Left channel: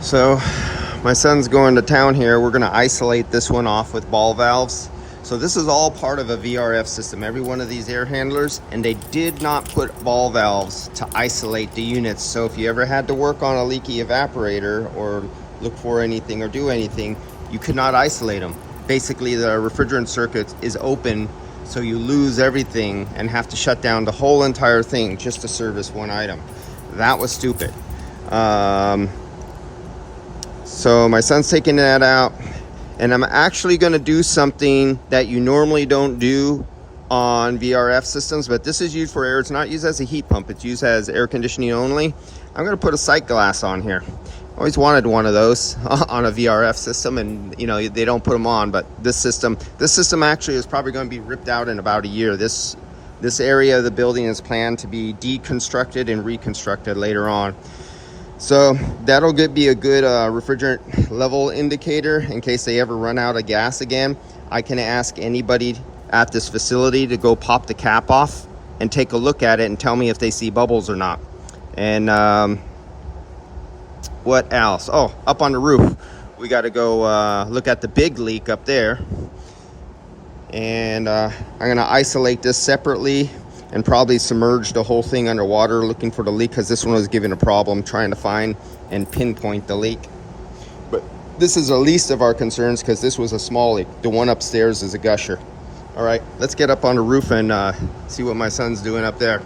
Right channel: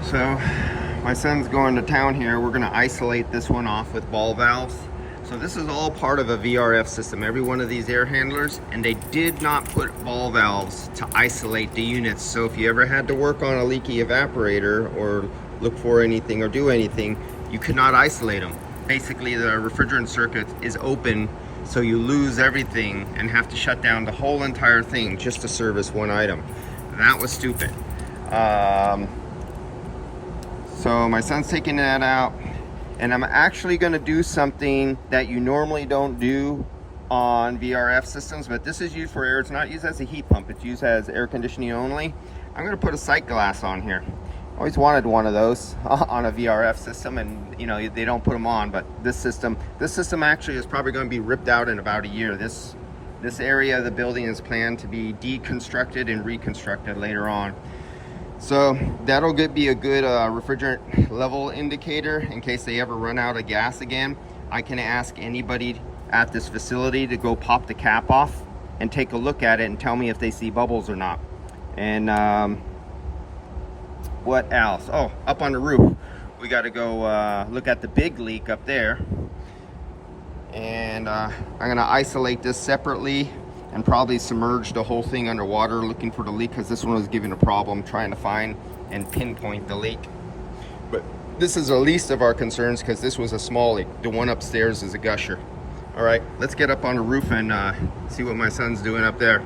So my son's going to town here. We're going to isolate this one off with ball valves. So this is all part of a VRF system, every one of these air handlers, and they did not put ball valves to isolate the units. So if you ever had to work on a leaky evaporator or look for anything or do anything, you could not isolate them. Basically, the refrigerant circuit is open, so you lose everything and have to shut down the whole entire thing just to service one item. That was stupid. So my son's taking that out, and I'm actually going to do something that you normally don't do on VRF systems, but this is used for air. It's not used as a heat pump. It's used as air conditioning only. I'm going to put a sight glass on here. Always wanted one of those on a VRF system, and you know, they don't put them on, but this system actually is probably going to be ripped out in about a year. This area of the building is planned to be deconstructed and reconstructed later on. So that'll be a good refrigerant level indicator in case they ever run out of gas again. I can ask anybody at this facility to go pop the cap off and take a look at it and tell me if they see bubbles or not. And what else? Oh, up on the roof, we got to go look at the big leak up there. And I'm going to isolate this separately and probably submerge the whole thing underwater looking for the leak, because this one was giving a problem trying to find and pinpoint the leak. But this is the least of our concerns because this was a small leak. The one upstairs is a gusher. All right, let's get up on the roof and see what my son's doing up there.